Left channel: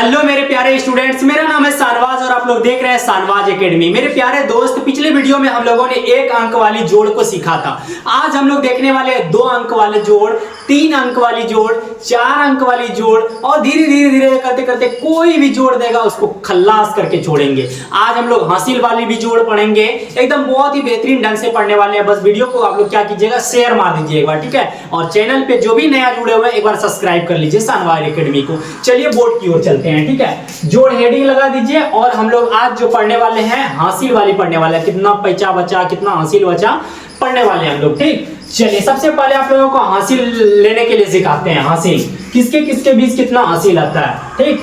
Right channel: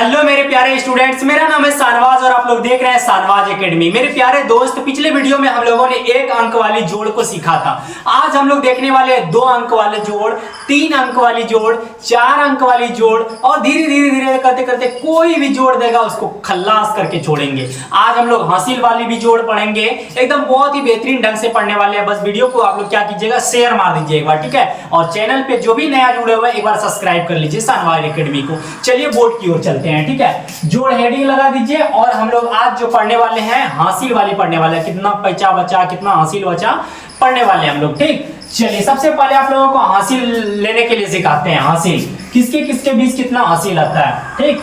Hello मेरे प्यारे students, मेरा नाम है शानवाज और आप लोग देख रहे हैं शानवाज एकेडमी। मेरे प्यारे दोस्त, पिछले वीडियो में हम लोगों ने 1 अंक वाली जोड़ को सीखा था। आज हम लोग देखने वाले हैं 2 अंक वाले जोड़, 3 अंक वाली जोड़, 4 अंक वाली जोड़ और धीरे धीरे करते करते कोई भी जोड़ देगा उसको खल्लास करके छोड़ेंगे। आज हम लोग हासिल वाली भी जोड़ पढ़ेंगे, एकदम बहुत ही बेहतरीन ढंग से पढ़ने वाले हैं। बस वीडियो को आप लोग क्या कीजिएगा, शेयर मार दीजिए एक बार, ठीक है। और चैनल पे जो भी नया जुड़े हुए हैं एक बार सब्सक्राइब कर लीजिए शानवाज एकेडमी को। चलिए बोर्ड की ओर चलते हैं, ठीक है। जोड़ हेडिंग लगा दीजिए और हम लोग आज जो पढ़ने वाले हैं हासिल वाली पढ़ने वाले हैं। कितना पैसा बचा, कितना हासिल बचा, पढ़ने वाले हैं हम लोग, ठीक। चलिए सबसे पहले आप लोगों को हासिल लेने के लिए सिखाते हैं। हासिल किसके किसके बीच कितना हासिल आता है, ठीक।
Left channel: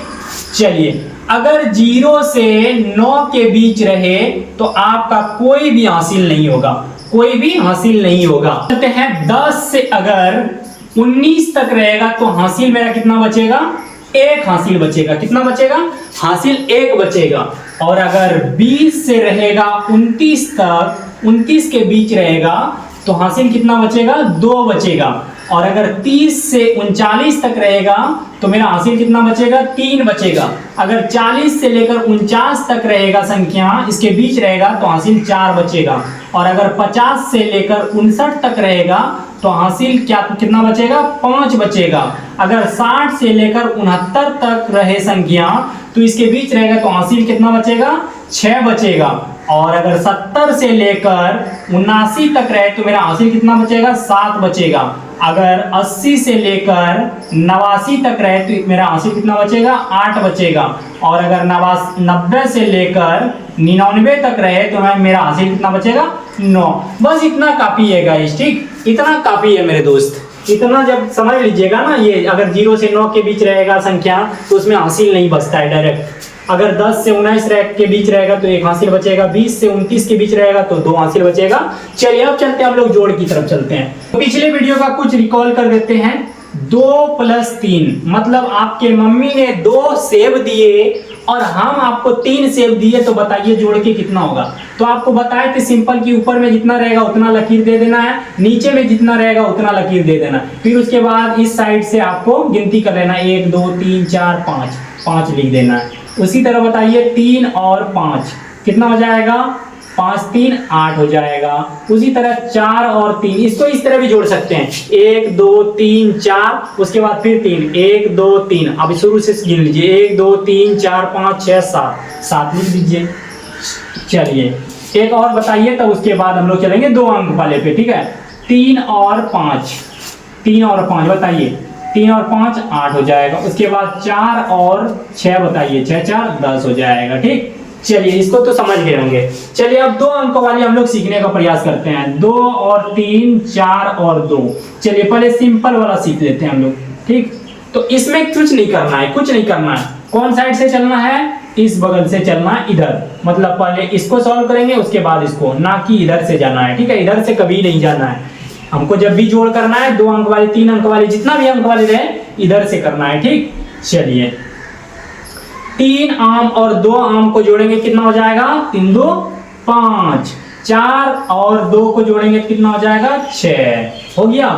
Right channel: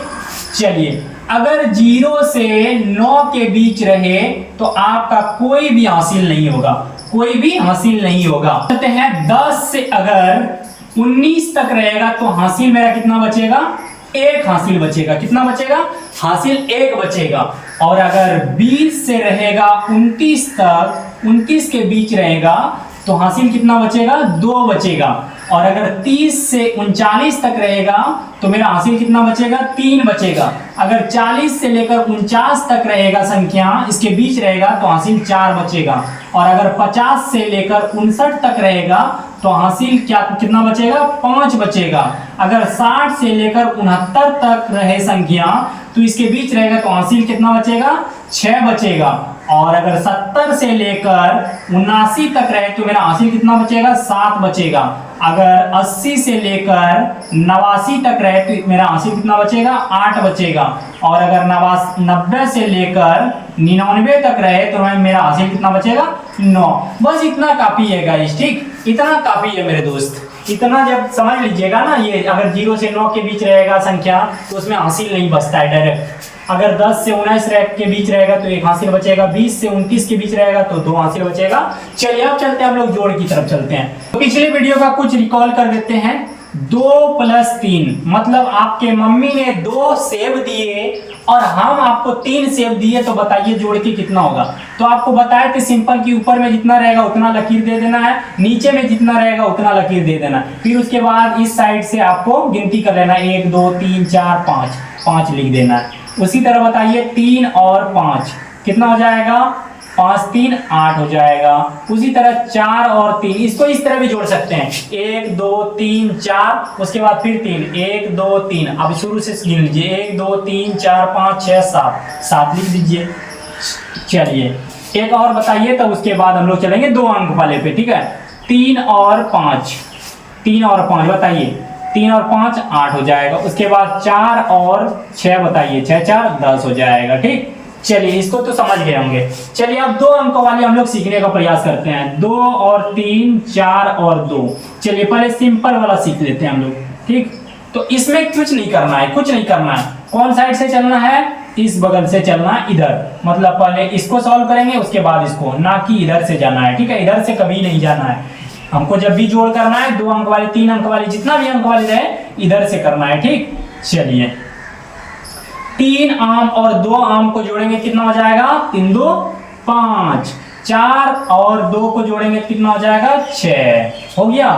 चलिए अगर 0 से 9 के बीच रहे तो आपका कोई भी हासिल नहीं होगा, कोई भी हासिल नहीं होगा। कहते हैं 10 से अगर 19 तक रहेगा तो हासिल मेरा कितना बचेगा, 1 हासिल बचेगा। कितना बचेगा, हासिल 1 बचेगा। और अगर 20 से रहेगा 29 तक, 29 के बीच रहेगा तो हासिल कितना बचेगा, 2 बचेगा। और अगर 30 से 39 तक रहेगा तो मेरा हासिल कितना बचेगा, 3 बचेगा। अगर 40 से लेकर 49 तक रहेगा संख्या, इसके बीच रहेगा तो हासिल 4 बचेगा। और अगर 50 से लेकर 59 तक रहेगा तो हासिल कितना बचेगा, 5 बचेगा। अगर 60 से लेकर 69 तक रहे संख्या तो इसके बीच रहेगा तो हासिल कितना बचेगा, 6 बचेगा। और अगर 70 से लेकर 79 तक रहे तो मेरा हासिल कितना बचेगा, 7 बचेगा। अगर 80 से लेकर 89 तक रहे तो मेरा हासिल कितना बचेगा, 8 बचेगा। और अगर 90 से लेकर 99 तक रहे तो मेरा हासिल कितना बचेगा, 9। बस इतना काफी है गाइस, ठीक। इतना काफी है मेरे दोस्त। इतना जब समझ लीजिएगा ना, ये अगर 0 से 9 के बीच रहेगा संख्या तो उसमें हासिल नहीं बचता है डायरेक्ट। अगर 10 से 19 के बीच रहेगा तो 1 हासिल बचेगा, 20 से 29 के बीच रहेगा तो 2 हासिल बचेगा। चलिए अब चलते हैं, हम लोग जोड़ की तरफ चलते हैं। तो पिछले वीडियो का कुछ रिकॉल कर देते हैं। 2 + 3 मतलब आपके मम्मी ने 2 सेब दिए और हम आपको 3 सेब दिए, तो बताइए जोड़ के कितना होगा। तो आपको बताए थे सिंपल कि ऊपर में जितना रहेगा उतना लकीर दे देना है, नीचे में जितना रहेगा उतना लकीर दे देना। फिर उसके बाद इस साइड से आपको गिनती कर लेना, 1 2 3 4 5 लिख देना है। उसी तरह बताइए 3 और 5 कितना हो जाएगा, 5 3 8 हो जाएगा। उसी तरह 4 और 3, इसको इस तरह भी जोड़ सकते हैं, 1 2 3 4, उसके बाद फिर 3, 1 2 3। अब शुरू से गिन लीजिए, 1 2 3 4 5 6 7 लिख दीजिए। चलिए एक और बताइए, तब उसके बाद हम लोग चलेंगे 2 अंक वाले पे, ठीक है। 3 और 5 बताइए, 3 और 5 8 हो जाएगा। उसके बाद 4 और 6 बताइए, 6 4 10 हो जाएगा, ठीक। चलिए इसको तो समझ गए होंगे। चलिए अब 2 अंक वाली हम लोग सीखने का प्रयास करते हैं। 2 और 3 4 और 2। चलिए पहले सिंपल वाला सीख लेते हैं हम लोग, ठीक। तो इसमें कुछ नहीं करना है, कुछ नहीं करना है। कौन साइड से चलना है, इस बगल से चलना है, इधर। मतलब पहले इसको सॉल्व करेंगे उसके बाद इसको, ना कि इधर से जाना है, ठीक है। इधर से कभी नहीं जाना है हमको। जब भी जोड़ करना है 2 अंक वाली, 3 अंक वाली, जितना भी अंक वाली रहे इधर से करना है, ठीक। चलिए 3 आम और 2 आम को जोड़ेंगे कितना हो जाएगा, 3 2 5। 4 और 2 को जोड़ेंगे कितना हो जाएगा, 6 हो गया।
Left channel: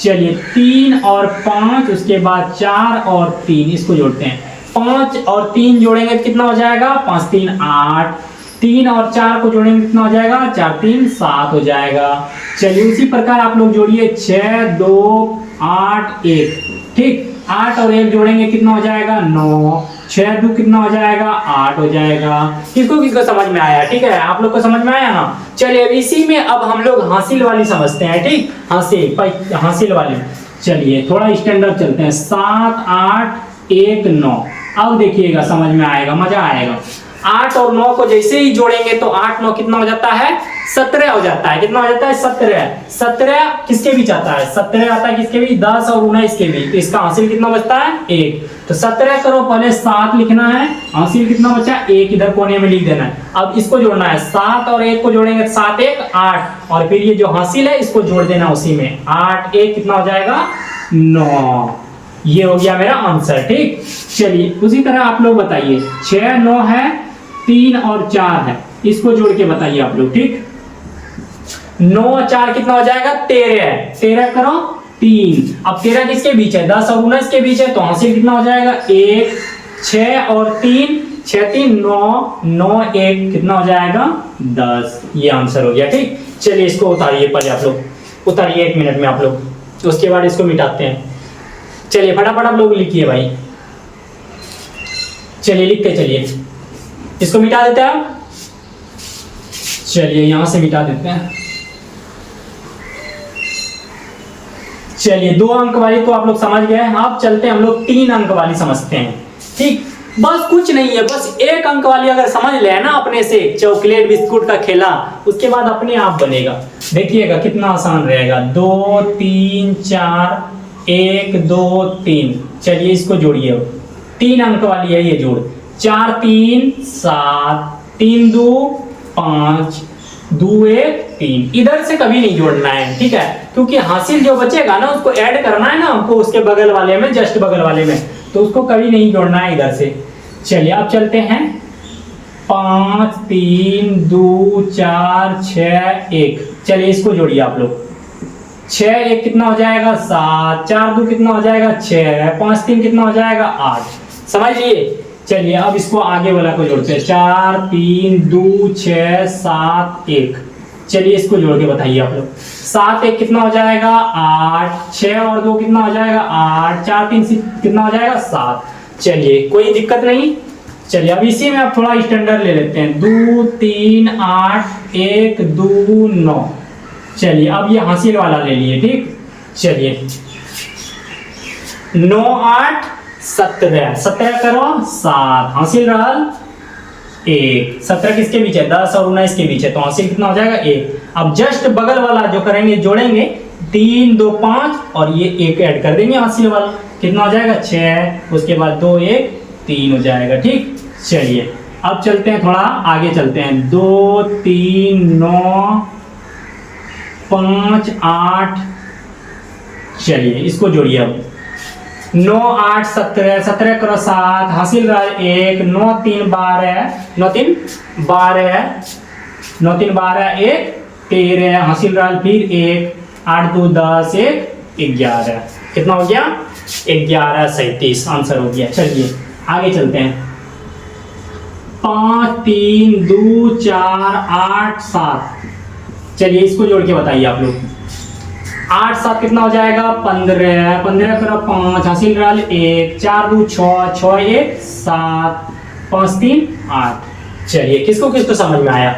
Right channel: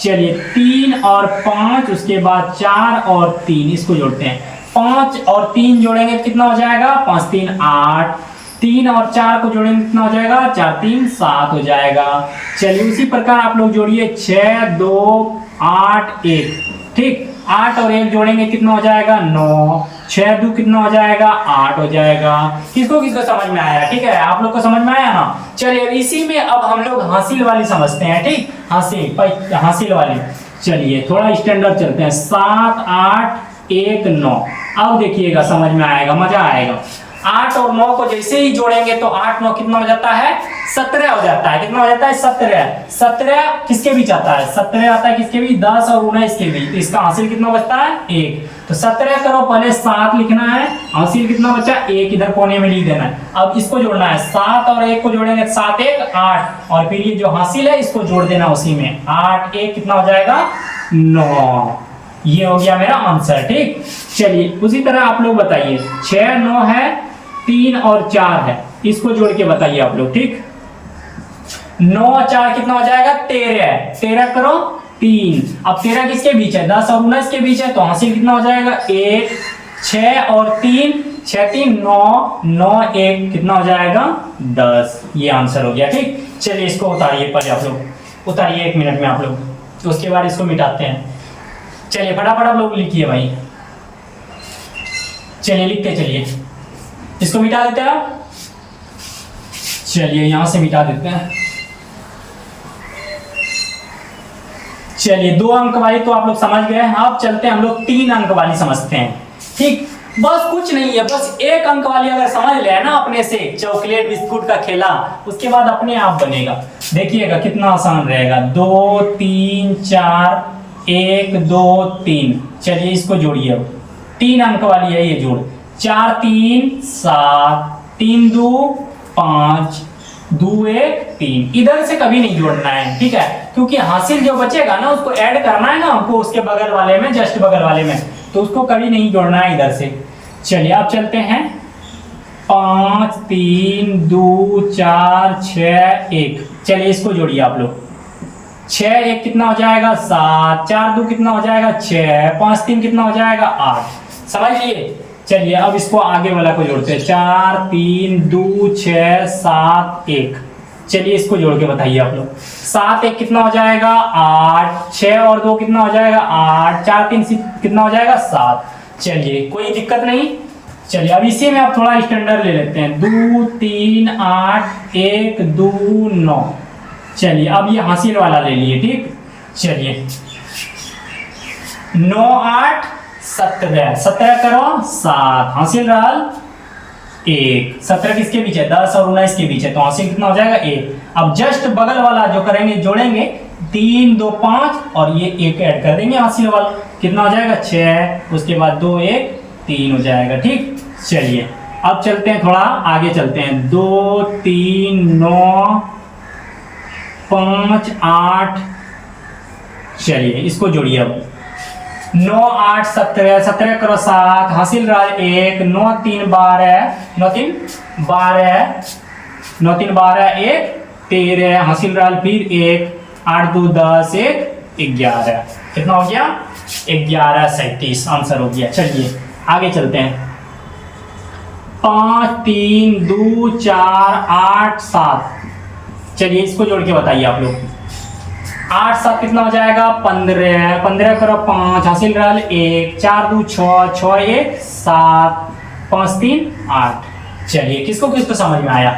चलिए 3 और 5, उसके बाद 4 और 3 इसको जोड़ते हैं। 5 और 3 जोड़ेंगे कितना हो जाएगा, 5 3 8। 3 और 4 को जोड़ेंगे कितना हो जाएगा, 4 3 7 हो जाएगा। चलिए उसी प्रकार आप लोग जोड़िए, 6 2 8 1, ठीक। 8 और 1 जोड़ेंगे कितना हो जाएगा, 9। 6 2 कितना हो जाएगा, 8 हो जाएगा। किसको किसको समझ में आया, ठीक है। आप लोग को समझ में आया ना। चलिए अब इसी में अब हम लोग हासिल वाली समझते हैं, ठीक। हासिल वाली। चलिए थोड़ा स्टैंडर्ड चलते हैं। 7 8 1 9। अब देखिएगा समझ में आएगा, मजा आएगा। 8 और 9 को जैसे ही जोड़ेंगे तो 8 9 कितना हो जाता है, 17 हो जाता है। कितना हो जाता है, 17 किसके बीच आता है, 17 आता है किसके बीच, 10 और 19 के बीच। तो इसका हासिल कितना बचता है, 1। तो 17 करो, पहले 7 लिखना है, हासिल कितना बचा, 1 इधर कोने में लिख देना है। अब इसको जोड़ना है, 7 और 1 को जोड़ेंगे 7 1 8, और फिर ये जो हासिल है इसको जोड़ देना उसी में। 8 1 कितना हो जाएगा, 9। ये हो गया मेरा आंसर, ठीक। चलिए उसी तरह आप लोग बताइए, 6 9 है, 3 और 4 है, इसको जोड़ के बताइए आप लोग, ठीक। 9 और 4 कितना हो जाएगा, 13। 13 करो, 3। अब 13 किसके बीच है, 10 और 19 के बीच है, तो हासिल कितना हो जाएगा, 1 6 और 3, 6 3 9, 9 1 कितना हो जाएगा 10। ये आंसर हो गया। ठीक, चलिए इसको उतारिए, पहले आप लोग उतारिए 1 मिनट में आप लोग, उसके बाद इसको मिटाते हैं। चलिए फटाफट आप लोग लिखिए भाई, चलिए लिखते चलिए, इसको मिटा देते हैं आप। चलिए यहां से मिटा देते हैं। चलिए 2 अंक वाली तो आप लोग समझ गए, अब चलते हैं हम लोग 3 अंक वाली समझते हैं। ठीक, बस कुछ नहीं है, बस 1 अंक वाली अगर समझ ले ना अपने से, चॉकलेट बिस्कुट का खेला, उसके बाद अपने आप बनेगा। देखिएगा कितना आसान रहेगा। 2 3 4 1 2 3। चलिए इसको जोड़िए, अब 3 अंक वाली है ये जोड़। 4 3 7, 3 2 5, 2 1 3। इधर से कभी नहीं जोड़ना है, ठीक है, क्योंकि हासिल जो बचेगा ना उसको ऐड करना है ना हमको उसके बगल वाले में, जस्ट बगल वाले में, तो उसको कभी नहीं जोड़ना है इधर से। चलिए अब चलते हैं। 5 3 2 4 6 1। चलिए इसको जोड़िए आप लोग। 6 1 कितना हो जाएगा 7, 4 2 कितना हो जाएगा 6, 5 3 कितना हो जाएगा 8। समझ लिए। चलिए अब इसको आगे वाला को जोड़ते हैं। 4 3 2 6 7 1। चलिए इसको जोड़ के बताइए आप लोग। 7 1 कितना हो जाएगा 8, 6 और 2 कितना हो जाएगा 8, 4 3 कितना हो जाएगा 7। चलिए कोई दिक्कत नहीं। चलिए अब इसी में आप थोड़ा स्टैंडर्ड ले लेते हैं। 2 3 8 1 2 9। चलिए अब ये हासिल वाला ले लिए। ठीक, चलिए 9 8 17, 17 करो 7, हासिल रहा 1। 17 किसके बीच है 10 और 19 के बीच है, तो हासिल कितना हो जाएगा 1। अब जस्ट बगल वाला जो करेंगे जोड़ेंगे 3 2 5 और ये 1 ऐड कर देंगे हासिल वाला, कितना हो जाएगा 6। उसके बाद 2 1 3 हो जाएगा। ठीक, चलिए अब चलते हैं थोड़ा आगे चलते हैं। 2 3 9 5 8। चलिए इसको जोड़िए अब। 9 8 17, 17 करो 7, हासिल रहा 1। 9 3 12, 9 3 12, 9 3 12 1 13, हासिल रहा फिर 1। 8 2 10 1 11। कितना हो गया 11 37। आंसर हो गया। चलिए आगे चलते हैं। 5 3 2 4 8 7। चलिए इसको जोड़ के बताइए आप लोग। 8 7 कितना हो जाएगा 15, 15 करो 5, हासिल रहा 1। 4 2 6, 6 1 7, 5 3 8। चलिए किसको किसको समझ में आया।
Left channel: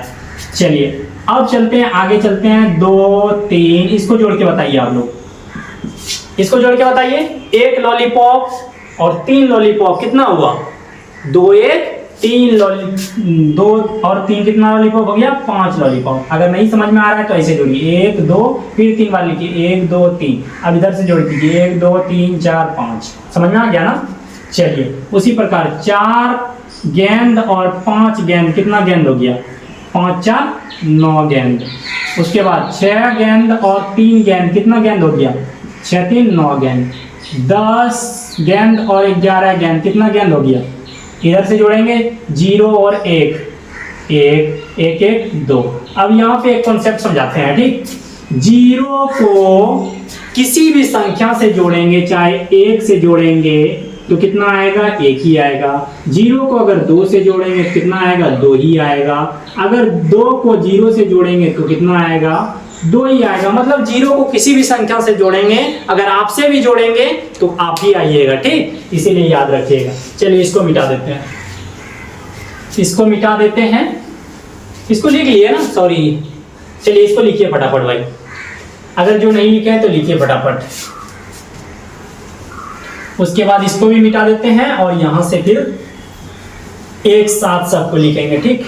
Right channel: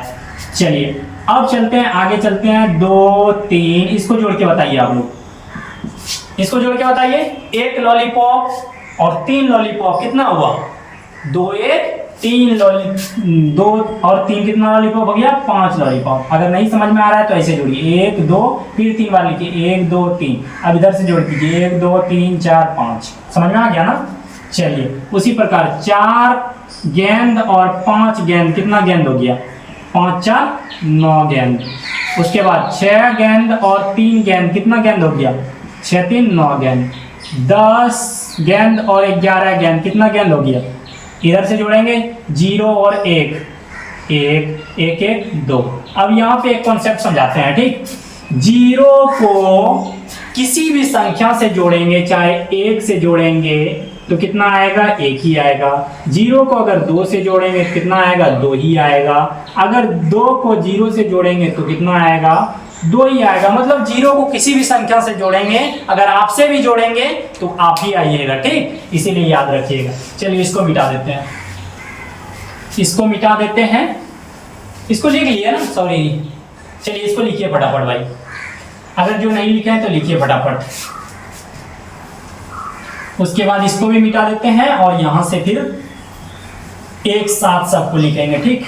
चलिए अब चलते हैं आगे चलते हैं। 2 3, इसको जोड़ के बताइए आप लोग। इसको जोड़ के बताइए। 1 लॉलीपॉप और 3 लॉलीपॉप कितना हुआ 2 1 3 2 और 3 कितना लॉलीपॉप हो गया 5 लॉलीपॉप। अगर नहीं समझ में आ रहा है तो ऐसे जोड़िए 1 2 फिर 3 बार लिखिए 1 2 3। अब इधर से जोड़ दीजिए 1 2 3 4 5। समझ में आ गया ना। चलिए उसी प्रकार 4 गेंद और 5 गेंद कितना गेंद हो गया 5 4 9 गेंद। उसके बाद 6 गेंद और 3 गेंद कितना गेंद हो गया 6 3 9 गेंद। 10 गेंद और 11 गेंद कितना गेंद हो गया। इधर से जोड़ेंगे 0 और 1 1 1 1 2। अब यहाँ पे एक कॉन्सेप्ट समझाते हैं। ठीक, 0 को किसी भी संख्या से जोड़ेंगे, चाहे 1 से जोड़ेंगे तो कितना आएगा 1 ही आएगा। 0 को अगर 2 से जोड़ेंगे कितना आएगा 2 ही आएगा। अगर 2 को 0 से जोड़ेंगे तो कितना आएगा 2 ही आएगा। मतलब 0 को किसी भी संख्या से जोड़ेंगे, अगर आपसे भी जोड़ेंगे तो आप ही आइएगा। ठीक, इसीलिए याद रखिएगा। चलिए इसको मिटा देते हैं। इसको मिटा देते हैं। इसको लिख लिए ना, सॉरी। चलिए इसको लिखिए फटाफट भाई, अगर जो नहीं लिखे हैं तो लिखिए फटाफट। उसके बाद इसको भी मिटा देते हैं और यहां से फिर एक साथ सबको लिखेंगे। ठीक,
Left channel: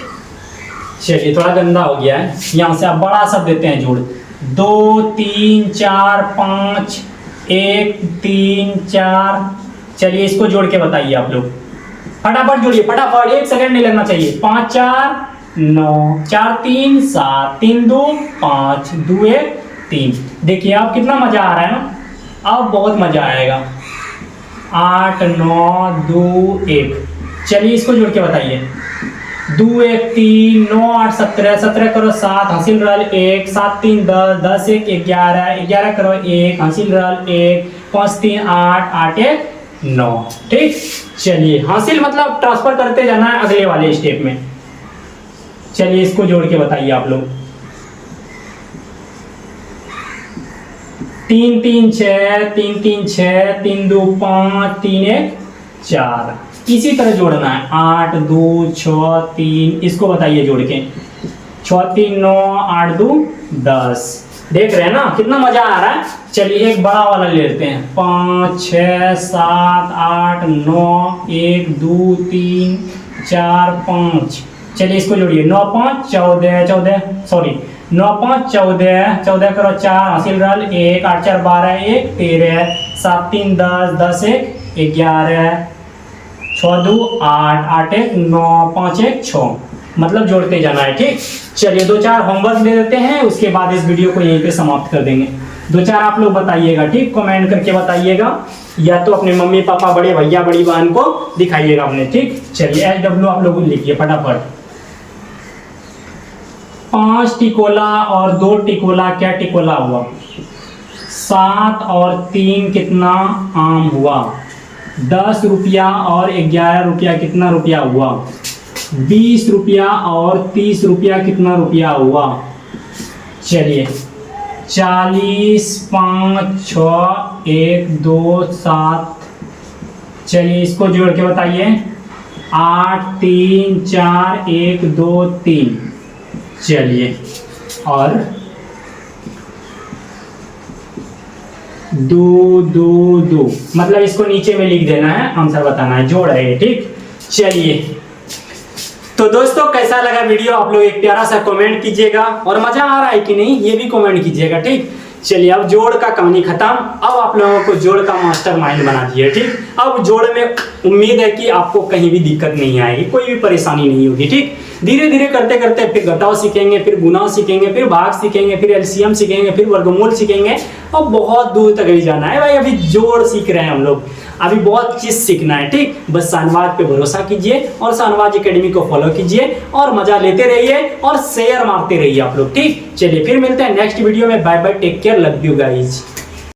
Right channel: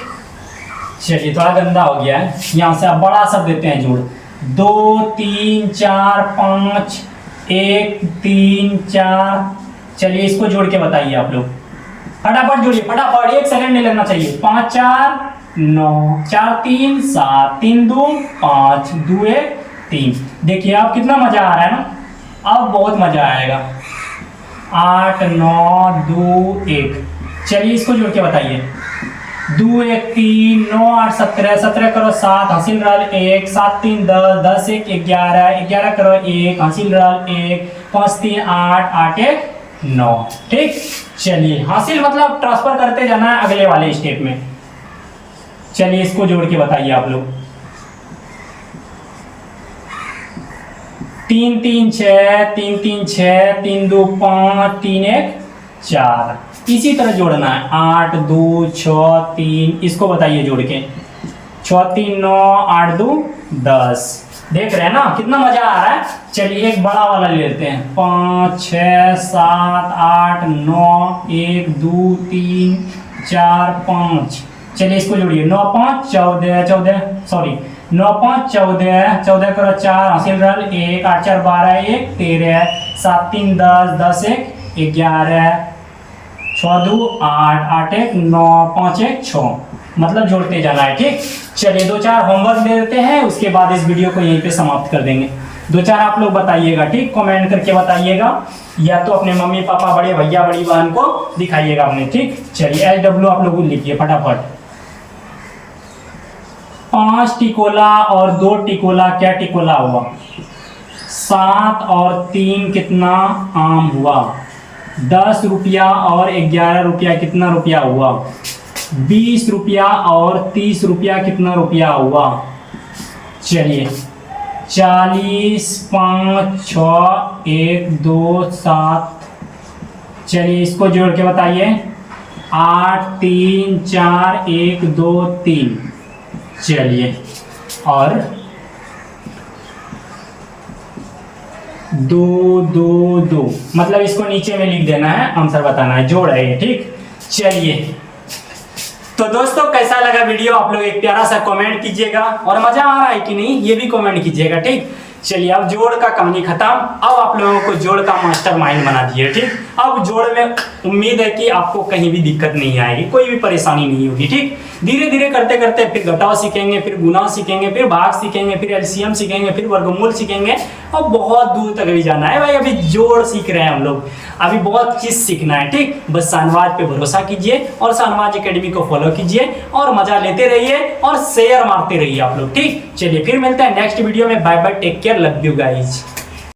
चलिए थोड़ा गंदा हो गया है। यहां से आप बड़ा सब देते हैं जोड़। 2 3 4 5 1 3 4। चलिए इसको जोड़ के बताइए आप लोग। फटाफट जोड़िए फटाफट, 1 सेकंड नहीं लगना चाहिए। 5 4 9, 4 3 7, 3 2 5, 2 1 3। देखिए अब कितना मजा आ रहा है ना, अब बहुत मजा आएगा। 8 9 2 1। चलिए इसको जोड़ के बताइए। 2 1 3 9 8 17, 17 करो 7, हासिल रहा 1। 7 3 10, 10 1 11, 11 करो 1, हासिल रहा 1। 5 3 8, 8 1 9। ठीक, चलिए हासिल मतलब ट्रांसफर करते जाना है अगले वाले स्टेप में। चलिए इसको जोड़ के बताइए आप लोग। 3 3 6, 3 3 6, 3 2 5, 3 1 4। इसी तरह जोड़ना है 8 2 6 3। इसको बताइए जोड़ के। 6 3 9, 8 2 10। देख रहे हैं ना कितना मजा आ रहा है। चलिए एक बड़ा वाला ले लेते हैं। 5 6 7 8 9, 1 2 3 4 5। चलिए इसको जोड़िए। 9 5 14 14, सॉरी 9 5 14 14 करो 4 हासिल रहा 1 8 4 12 1 13 7 3 10 10 1 11 6 2 8 8 1 9 5 1 6। मतलब जोड़ते जाना है। ठीक, चलिए 2-4 होमवर्क दे देते हैं, उसके बाद इस वीडियो को यहीं पे समाप्त कर देंगे। 2-4 आप लोग बताइएगा, ठीक, कमेंट करके बताइएगा, या तो अपने मम्मी पापा बड़े भैया बड़ी बहन को दिखाइएगा अपने। ठीक, चलिए SW आप लोग लिखिए फटाफट। 5 टिकोला और 2 टिकोला क्या टिकोला हुआ? 7 और 3 कितना आम हुआ? 10 रुपया और 11 रुपया कितना रुपया हुआ? 20 रुपया और 30 रुपया कितना रुपया हुआ? चलिए 40 5 6 1 2 7। चलिए इसको जोड़ के बताइए। 8 3 4 1 2 3। चलिए और 2 2 2, मतलब इसको नीचे में लिख देना है, आंसर बताना है, जोड़ है ये। ठीक, चलिए तो दोस्तों कैसा लगा वीडियो आप लोग एक प्यारा सा कमेंट कीजिएगा, और मजा आ रहा है कि नहीं ये भी कमेंट कीजिएगा। ठीक, चलिए अब जोड़ का कहानी खत्म। अब आप लोगों को जोड़ का मास्टरमाइंड बना दिए। ठीक, अब जोड़ में उम्मीद है कि आपको कहीं भी दिक्कत नहीं आएगी, कोई भी परेशानी नहीं होगी। ठीक, धीरे धीरे करते करते फिर घटाव सीखेंगे, फिर गुणा सीखेंगे, फिर भाग सीखेंगे, फिर एलसीएम सीखेंगे, फिर वर्गमूल सीखेंगे, और बहुत दूर तक भी जाना है भाई। अभी जोड़ सीख रहे हैं हम लोग, अभी बहुत चीज सीखना है। ठीक, बस शाहनवाज पे भरोसा कीजिए और शाहनवाज एकेडमी को फॉलो कीजिए और मजा लेते रहिए और शेयर मारते रहिए आप लोग। ठीक, चलिए फिर मिलते हैं नेक्स्ट वीडियो में। Bye bye, take care, love you guys.